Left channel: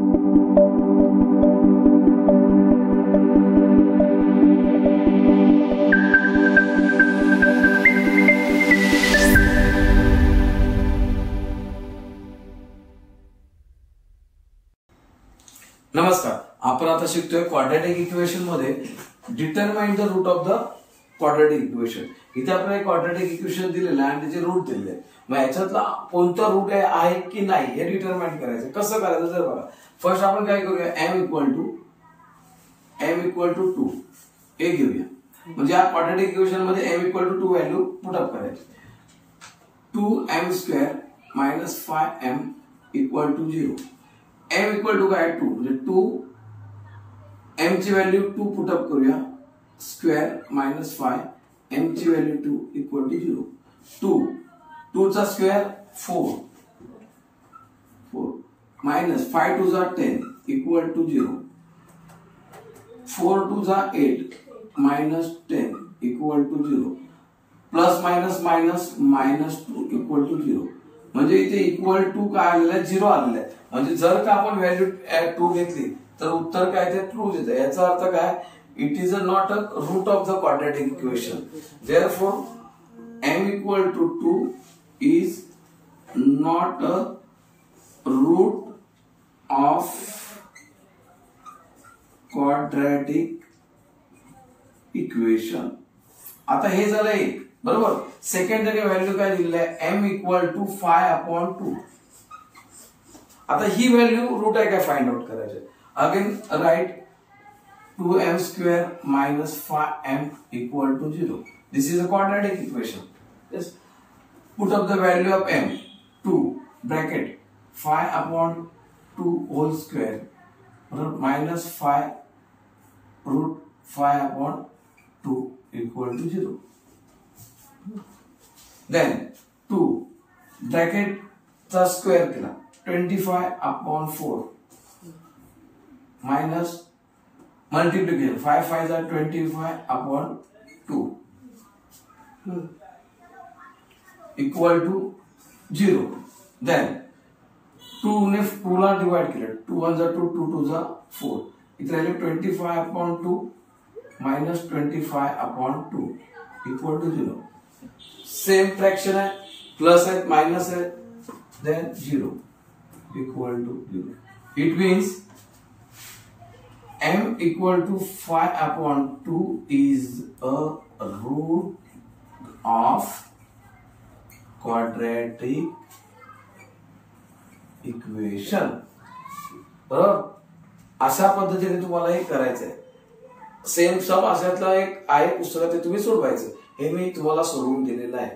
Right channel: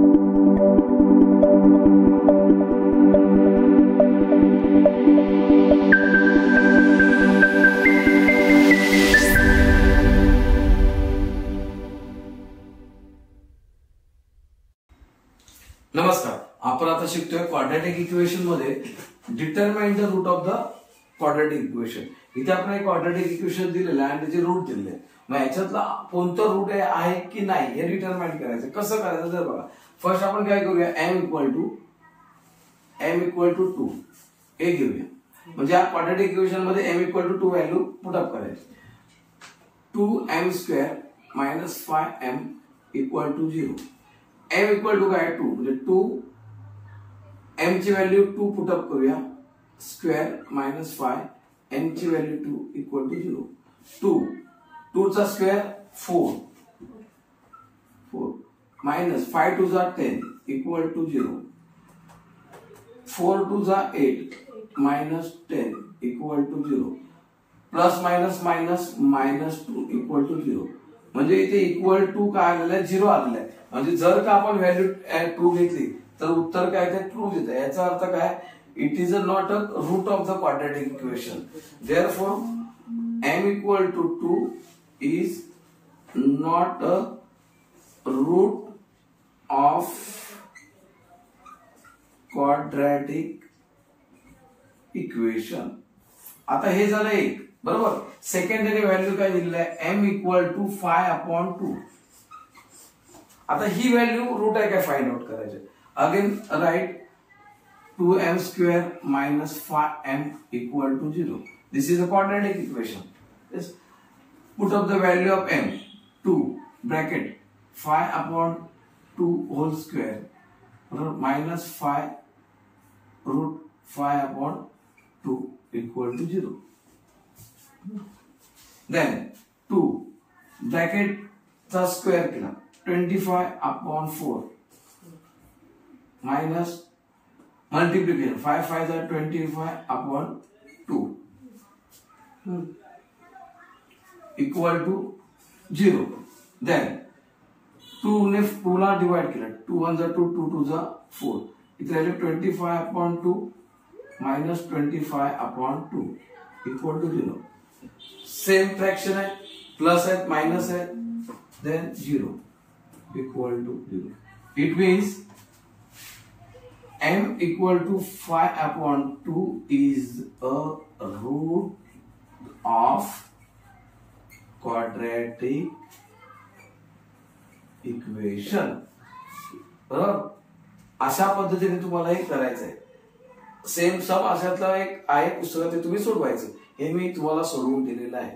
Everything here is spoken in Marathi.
नमस्कार, आपण आता शिकतोय क्वाड्रॅटिक इक्वेशन मध्ये determine the root of the quadratic equation. इथे आपल्याला एक क्वाड्रॅटिक इक्वेशन दिलेलं आहे आणि त्याचे रूट दिलेले आहे. मग याच्यातला कोणता रूट आहे की नाही हे डिटरमाइन करायचं. कसं करायचं जर बघा, फर्स्ट आपण काय करूया, m इक्वल टू 2 हे घेऊया. म्हणजे या क्वाड्रॅटिक इक्वेशन मध्ये m equal to 2 value put up करायची. 2m square minus 5m equal to 0. m equal to काय 2 म्हणजे 2 m ची व्हॅल्यू 2 पुट अप करूया, स्क्वेअर मायनस 5 m ची व्हॅल्यू 2 इक्वल टू 0. 2 चा स्क्वेअर 4 मायनस 5 टू जा 10 इक्वल टू 0. 4 टू जा 8 minus 10 equal to 0. Plus minus minus minus 2 equal to 0. म्हणजे इथे इक्वल टू काय आलेलं आहे, 0 आलेलं आहे. म्हणजे जर का आपण व्हॅल्यू 2 घेतली तर उत्तर काय ते ट्रू येतं. याचा अर्थ काय, it is not a root of the quadratic equation. Therefore m equal to 2 is not a root of quadratic equation. आता हे झालं एक, बरोबर. सेकंडरी व्हॅल्यू काय दिलेलं आहे, m इक्वल टू 5/2. आता ही व्हॅल्यू रूट आहे काय फाइंड आउट करायचे. Again right 2m square minus 5m equal to 0. This is a quadratic equation. Yes, put up the value of m 2 bracket 5/2 whole square minus 5 root 5/2 equal to 0. Then 2 bracket चा स्क्वेअर केला 25/4 मायनस मल्टिप्लिकेशन 5 5 जा 25/2 इक्वल टू 0. देन 2 ने 2 ला डिवाइड केलं, 2 1 जा 2 2 2 जा 4 इथे राहिले 25/2 minus 25/2 equal to 0. Same fraction आहे, प्लस आहे मायनस आहे, then 0 equal to 0. It means m equal to 5/2 is a root of quadratic equation. बरोबर, अशा पद्धतीने तुम्हाला हे करायचं आहे. सेम सम अशातला एक आहे पुस्तकात, ते तुम्ही सोडवायचं. हे मी तुम्हाला सोडवून दिलेलं आहे.